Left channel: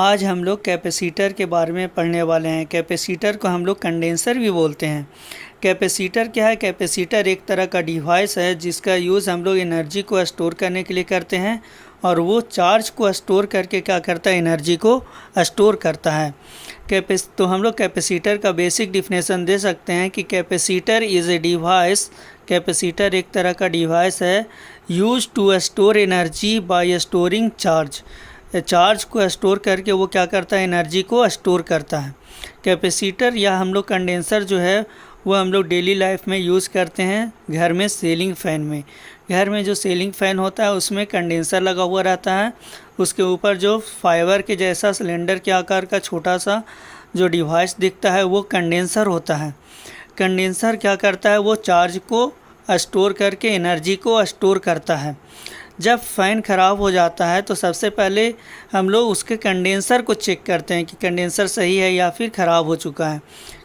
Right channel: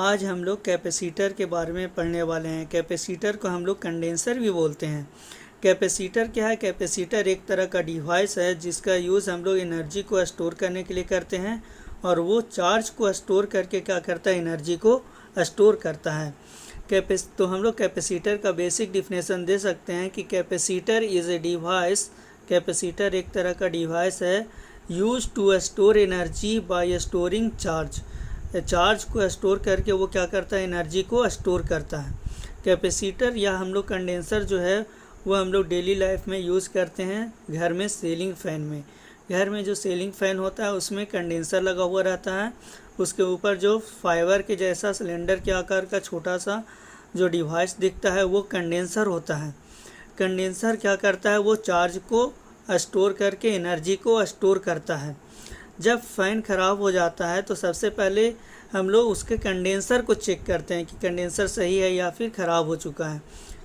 आज हम लोग कैपेसिटर के बारे में पढ़ने वाले हैं। कैपेसिटर को हम लोग कंडेंसर भी बोलते हैं। कैपेसिटर क्या है? कैपेसिटर एक तरह का डिवाइस है जिसका यूज़ हम लोग एनर्जी को स्टोर करने के लिए करते हैं, और वो चार्ज को स्टोर करके क्या करता है? एनर्जी को स्टोर करता है। तो हम लोग कैपेसिटर का बेसिक डिफिनेशन दे सकते हैं कि capacitor is a device. Capacitor एक तरह का डिवाइस है use to store energy by storing charge. Charge को स्टोर करके वो क्या करता है? एनर्जी को स्टोर करता है। कैपेसिटर या हम लोग कंडेंसर जो है वो हम लोग डेली लाइफ में यूज़ करते हैं। घर में सीलिंग फ़ैन में, घर में जो सीलिंग फ़ैन होता है उसमें कंडेंसर लगा हुआ रहता है। उसके ऊपर जो फाइबर के जैसा सिलेंडर के आकार का छोटा सा जो डिवाइस दिखता है वो कंडेंसर होता है। कंडेंसर क्या करता है? वो चार्ज को स्टोर करके एनर्जी को स्टोर करता है। जब फ़ैन ख़राब हो जाता है तो सबसे पहले हम लोग उसके कंडेंसर को चेक करते हैं कि कंडेंसर सही है या फिर ख़राब हो चुका है।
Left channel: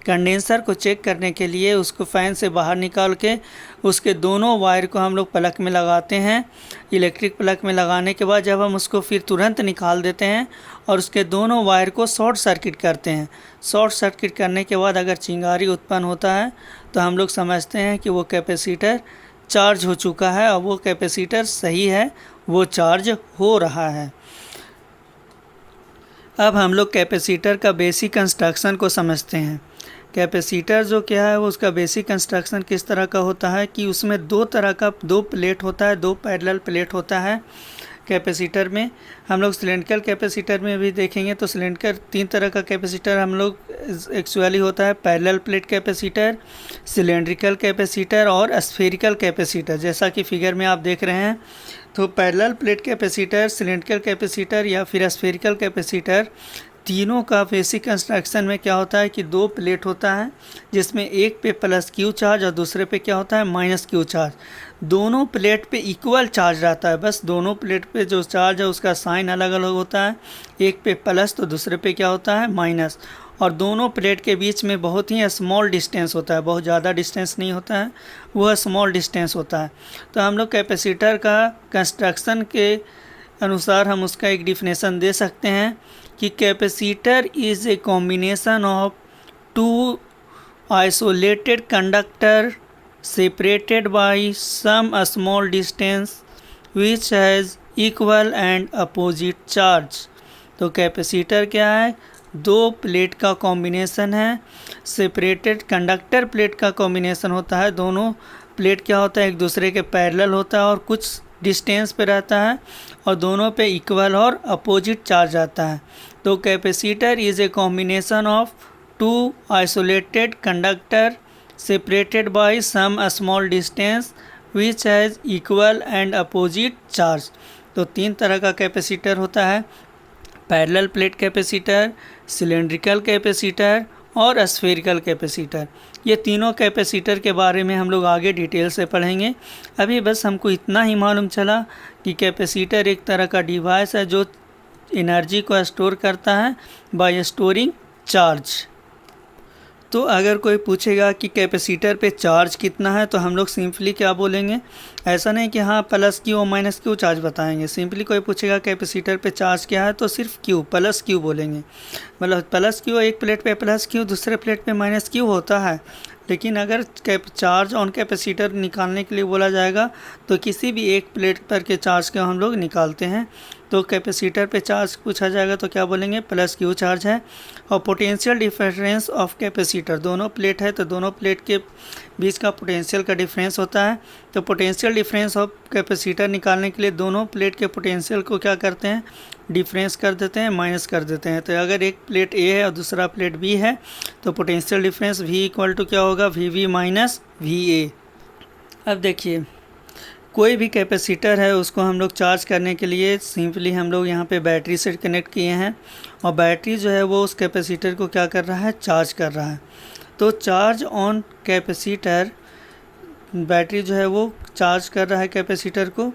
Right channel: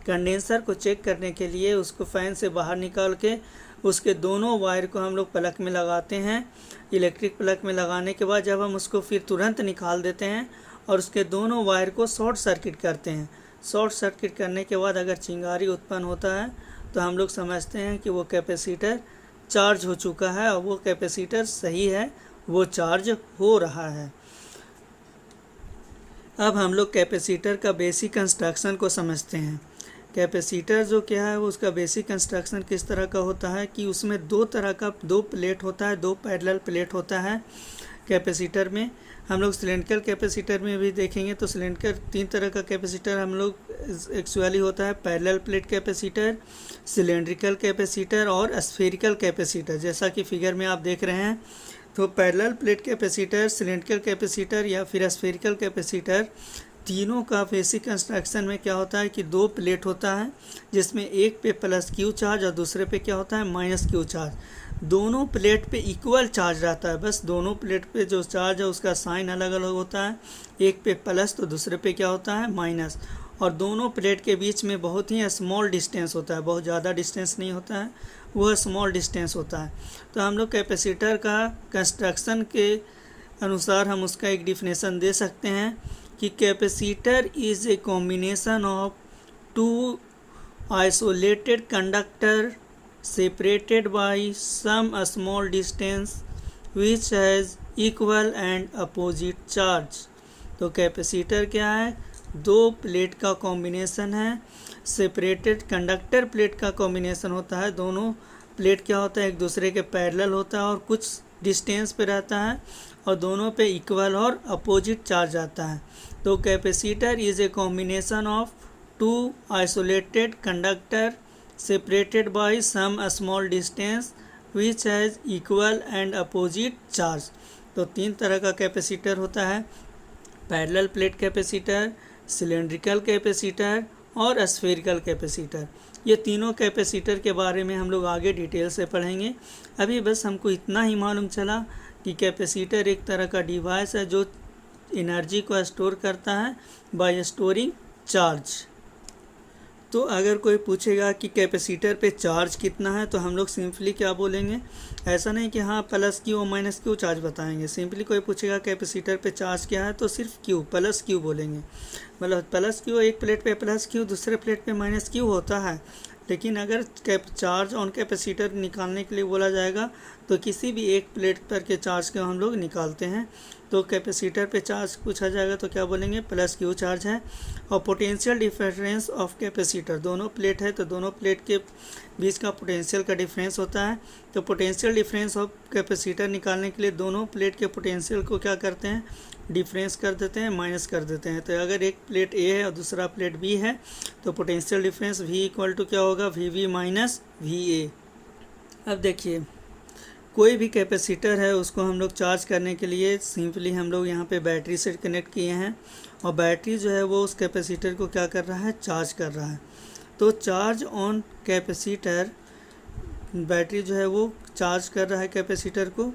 कंडेंसर को चेक करने के लिए उसको फ़ैन से बाहर निकाल के उसके दोनों वायर को हम लोग प्लग में लगाते हैं। इलेक्ट्रिक प्लग में लगाने के बाद जब हम उसको फिर तुरंत निकाल देते हैं और उसके दोनों वायर को शॉर्ट सर्किट करते हैं। शॉर्ट सर्किट करने के बाद अगर चिंगारी उत्पन्न होता है तो हम लोग समझते हैं कि वो कैपेसिटर चार्ज हो चुका है और वो कैपेसिटर सही है, वो चार्ज हो रहा है। अब हम लोग कैपेसिटर का बेसिक कंस्ट्रक्शन को समझते हैं। कैपेसिटर जो क्या है वो उसका बेसिक कंस्ट्रक्शन किस तरह का होता है कि उसमें दो प्लेट होता है, दो पैरेलल प्लेट होता है। कैपेसिटर में हम लोग सिलेंड्रिकल कैपेसिटर में भी देखेंगे तो सिलेंड्रिकल तीन तरह का कैपेसिटर हम लोग एक्चुअली होता है। Parallel plate capacitor, cylindrical capacitor और स्फेरिकल कैपेसिटर, जैसा कि फिगर में आप देख रहे हैं। तो parallel plate capacitor, cylindrical capacitor या फिर स्फेरिकल कैपेसिटर, तीनों का बेसिक कंस्ट्रक्शन में क्या होता है कि दो प्लेट होता है जिसमें एक पे प्लस क्यू चार्ज और दूसरे पे क्या होता है? Minus Q charge. दोनों प्लेट पे इक्वल चार्ज रहता है, बस दोनों प्लेट पे जो चार्ज है उसका साइन अलग अलग होता है। एक पे प्लस तो दूसरे पे क्या होता है? माइनस। और दोनों प्लेट के बीच में बहुत ही स्मॉल डिस्टेंस होता है, बहुत ज़्यादा डिस्टेंस नहीं होता है, वह स्मॉल डिस्टेंस होता है। तो हम लोग कैपेसिटर का कंस्ट्रक्शन के अनुसार हम उसका एक डिफिनेशन दे सकते हैं कि capacitor is a combination of two isolated conductor separated by some small distance which has equal and opposite charge। तो कैपेसिटर क्या है? दो प्लेट का कॉम्बिनेशन है। सेपरेटेड कंडक्टर प्लेट का कॉम्बिनेशन होता है। दोनों प्लेट क्या होता है? एक दूसरे के पैरेलल होता है और कुछ डिस्टेंस पे रहता है और दोनों पे इक्वल और अपोजिट चार्ज आता है। तो capacitor is a combination of two isolated conductor separated by some small distance which has equal and opposite charge। तो तीन तरह का कैपेसिटर होता है, parallel plate capacitor, cylindrical capacitor और स्फेरिकल कैपेसिटर। ये तीनों कैपेसिटर के बारे में हम लोग आगे डिटेल से पढ़ेंगे। अभी बस हमको इतना ही मालूम चला कि कैपेसिटर एक तरह का डिवाइस है जो एनर्जी को स्टोर करता है बाय स्टोरिंग चार्ज। तो अगर कोई पूछेगा कि कैपेसिटर पे चार्ज कितना है तो हम लोग सिंपली क्या बोलेंगे? ऐसा नहीं कि हाँ प्लस क्यू और माइनस क्यू चार्ज बताएंगे। सिंपली कोई पूछेगा कैपेसिटर पे चार्ज क्या है तो सिर्फ क्यू, प्लस क्यू बोलेंगे। मतलब प्लस क्यू, एक प्लेट पे प्लस क्यू, दूसरे प्लेट पे माइनस क्यू होता है। लेकिन अगर चार्ज ऑन कैपेसिटर निकालने के लिए बोला जाएगा तो किसी भी एक प्लेट पर के चार्ज को हम लोग निकालते हैं। तो कैपेसिटर पे चार्ज पूछा जाएगा तो क्या बोलेंगे? प्लस क्यू चार्ज है। और पोटेंशियल डिफरेंस ऑफ कैपेसिटर, दोनों प्लेट है तो दोनों प्लेट के बीच का पोटेंशियल का डिफरेंस होता है। तो पोटेंशियल डिफरेंस ऑफ कैपेसिटर निकालने के लिए दोनों प्लेट के पोटेंशियल को क्या करते हैं? डिफरेंस कर देते हैं, माइनस कर देते हैं। तो अगर एक प्लेट ए है और दूसरा प्लेट बी है तो potential difference V equal to क्या होगा? VV minus VA। अब देखिए, कोई भी कैपेसिटर है उसको हम लोग चार्ज करने के लिए सिंपली हम लोग यहाँ पे बैटरी से कनेक्ट किए हैं और बैटरी जो है वो उस कैपेसिटर को क्या कर रहा है? चार्ज कर रहा है। तो चार्ज ऑन कैपेसिटर, बैटरी जो है वो चार्ज कर रहा है कैपेसिटर को,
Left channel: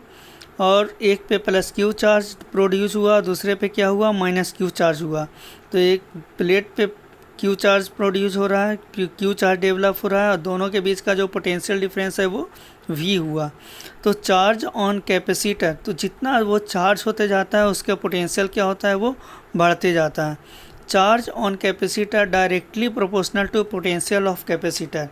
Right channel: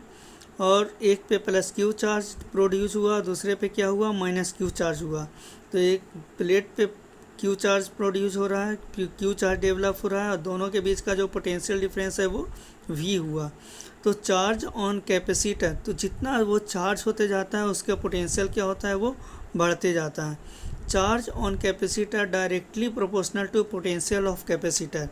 और एक पे प्लस क्यू चार्ज प्रोड्यूस हुआ, दूसरे पे क्या हुआ? माइनस क्यू चार्ज हुआ। तो एक प्लेट पे क्यू चार्ज प्रोड्यूस हो रहा है, क्यू चार्ज डेवलप हो रहा है और दोनों के बीच का जो पोटेंशियल डिफरेंस है वो V हुआ। तो चार्ज ऑन कैपेसिटर, तो जितना वो चार्ज होते जाता है उसका पोटेंशियल क्या होता है? वो बढ़ते जाता है। Charge on capacitor directly proportional to potential of capacitor.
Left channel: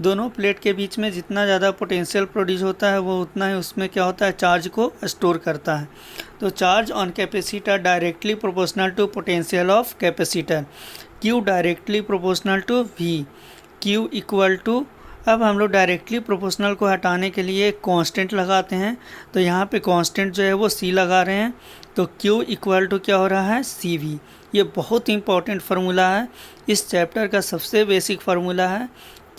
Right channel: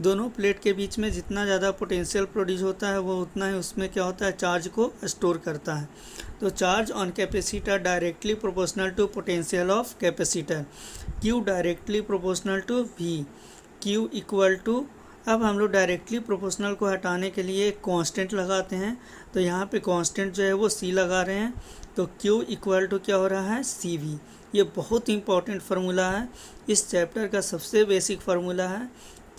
दोनों प्लेट के बीच में जितना ज़्यादा पोटेंशियल प्रोड्यूस होता है वो उतना ही उसमें क्या होता है, चार्ज को स्टोर करता है। तो charge on capacitor directly proportional to potential of capacitor. Q directly proportional to V। Q equal to, अब हम लोग डायरेक्टली प्रोपोर्शनल को हटाने के लिए कांस्टेंट लगाते हैं, तो यहाँ पे कांस्टेंट जो है वो C लगा रहे हैं, तो Q इक्वल टू क्या हो रहा है, CV। ये बहुत इंपॉर्टेंट फार्मूला है, इस चैप्टर का सबसे बेसिक फार्मूला है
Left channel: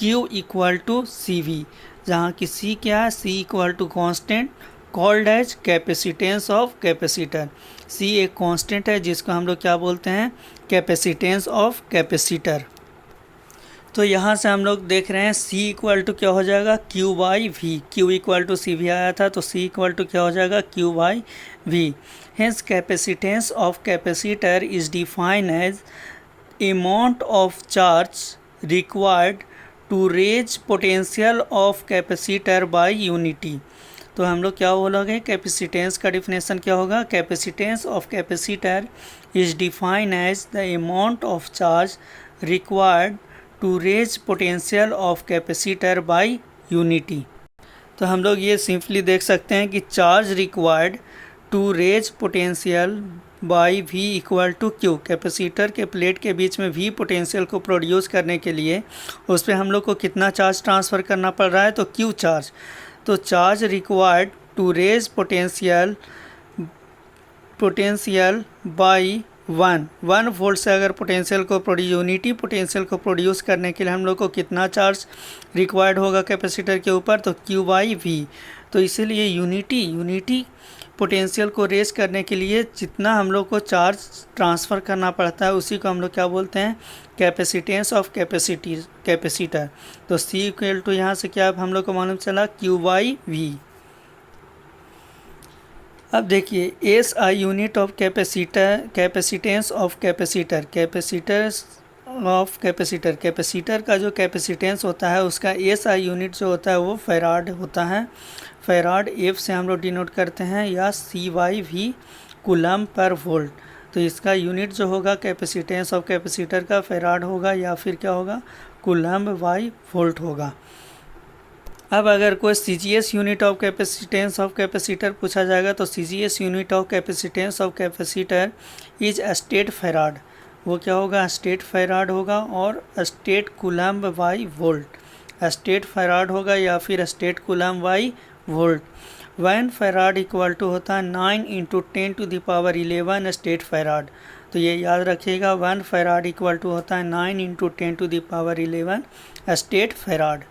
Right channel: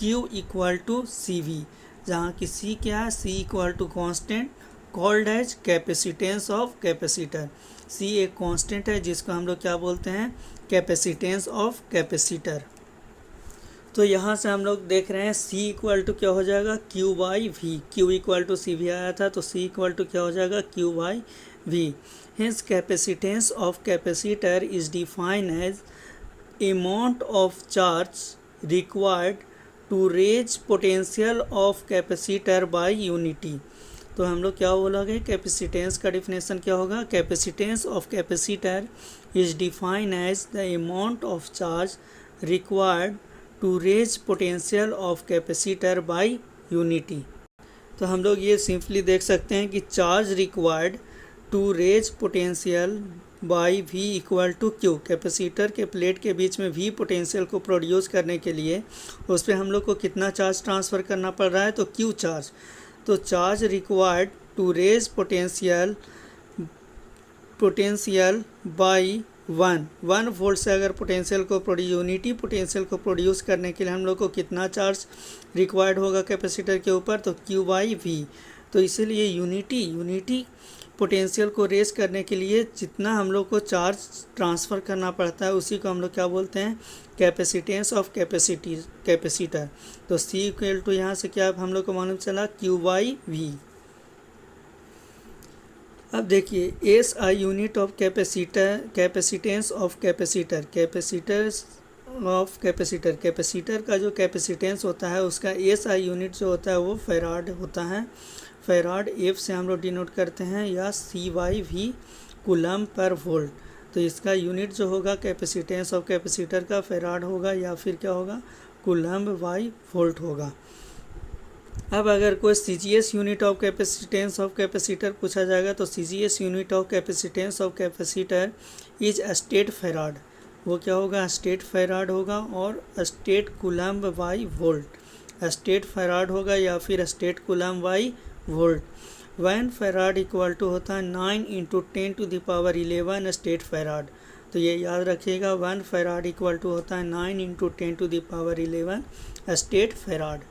Q इक्वल टू CV, जहाँ की C क्या है, C equal to constant called as capacitance of capacitor. C एक कांस्टेंट है जिसको हम लोग क्या बोलते हैं, कैपेसिटेंस ऑफ कैपेसिटर। तो यहाँ से हम लोग देख रहे हैं C इक्वल टू क्या हो जाएगा, Q by V। Q equal to CV आया था, तो C इक्वल टू क्या हो जाएगा, Q by V। Hence capacitance of capacitor is define as amount of charge required to raise potential of capacitor by unity. तो हम लोग क्या बोलोगे, कैपेसिटेंस का डिफिनेशन क्या होगा, capacitance of capacitor is define as the amount of charge required to raise potential of capacitor by unity. तो हम लोग ये सिंपली देख सकते हैं कि charge required to raise potential by V equal to Q। Capacitor के प्लेट के बीच में V पोटेंशियल को प्रोड्यूस करने के लिए उस पर हम लोग को कितना चार्ज ट्रांसफ़र करना पड़ रहा है, तो Q चार्ज। तो charge required to raise potential by 1 volt से अगर पोटेंशियल को यूनिटी पोटेंशियल को प्रोड्यूस करने के लिए हम लोग को कितना चार्ज रिक्वायर्ड होगा कैपेसिटर के ऊपर, तो Q बाई V। तो इसीलिए यूनिटी पोटेंशियल को रेज करने के लिए जितना हम लोग को चार्ज ट्रांसफ़र करना पड़ता है उसी को हम लोग क्या बोलते हैं, कैपेसिटेंस ऑफ कैपेसिटर। तो C इक्वल टू यहाँ से क्या हम लोग को मालूम चला, Q बाई V। अब देखिए SI unit of capacitance of capacitor का जो कैपेसिटेंस होता है उसका SI यूनिट जो होता है वो फैराड होता है। फैराड F से हम लोग डिनोट करते हैं, या C/V कूलम पर वोल्ट। तो इसका यूनिट जो होगा कैपेसिटेंस ऑफ कैपेसिटर का फैराड होगा, या फिर क्या होगा, कूलम बाई वोल्ट होगा। अब अगर कोई CGS unit of capacitance of capacitor पूछा जाएगा, तो CGS unit of capacitance of capacitor is statfarad. वो क्या होगा, स्टेट फैराड होगा, और statcoulomb by volt. Statfarad होगा या फिर statcoulomb by volt. 1 farad equal to होता है 9 × 10⁻11 स्टेट फैराड। तो ये याद रखिएगा, 1 फैराड इक्वल टू होता है 9 × 10⁻11 स्टेट फैराड।